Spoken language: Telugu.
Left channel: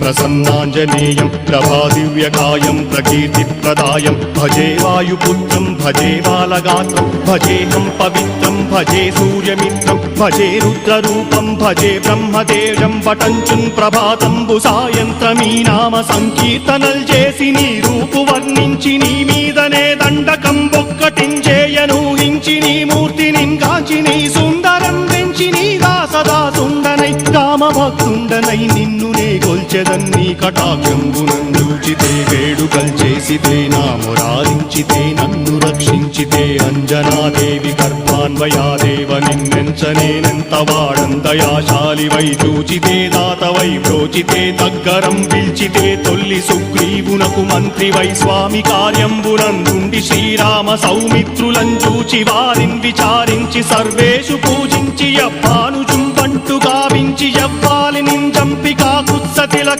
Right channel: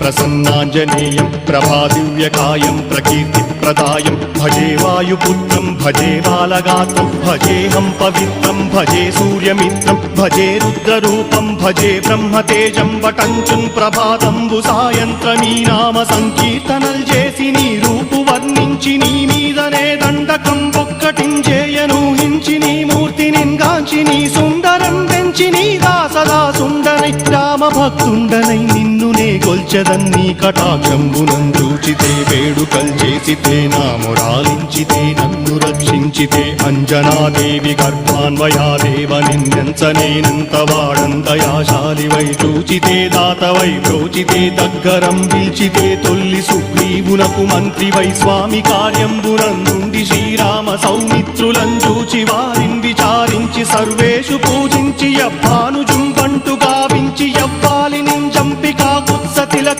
ప్రసన్నాంజనేయం ప్రభాదివ్యకాయం ప్రకీర్తిప్రదాయం భజే వాయుపుత్రం భజే బాలగాత్రం భజేహం పవిత్రం భజే సూర్యమిత్రం భజే రుద్రరూపం భజే బ్రహ్మదేవం వటంచుం ప్రభాతంబు సాయంత్రమీ నామ సంకీర్తనల్ చేసి నీ రూపు వర్ణించి నీ మీదనే దండకం ఒక్కటించేయనూహించి నీ మూర్తిని కాంచి నీ సుందరం పెంచి నీదా సదా సుందరై రామభక్తుండనై నిన్నునే కొల్చెదన్నీ కటాక్షంబునందూచితే వేడుకల్ చేసితే నా మురారించితే నన్ను రక్షించితే అంజనాదేవి గర్భాన్వయాదేవనెంచనేనంత వాడందయాశాలివై చూచితే దాతవై బ్రోచితే దగ్గరం పిల్చితే తొల్లి సుగ్రీవునకు మంత్రివై స్వామి కార్యంబునందుండి శ్రీరామ సౌమిత్రులం చూచి వారిని విచారించి సర్వే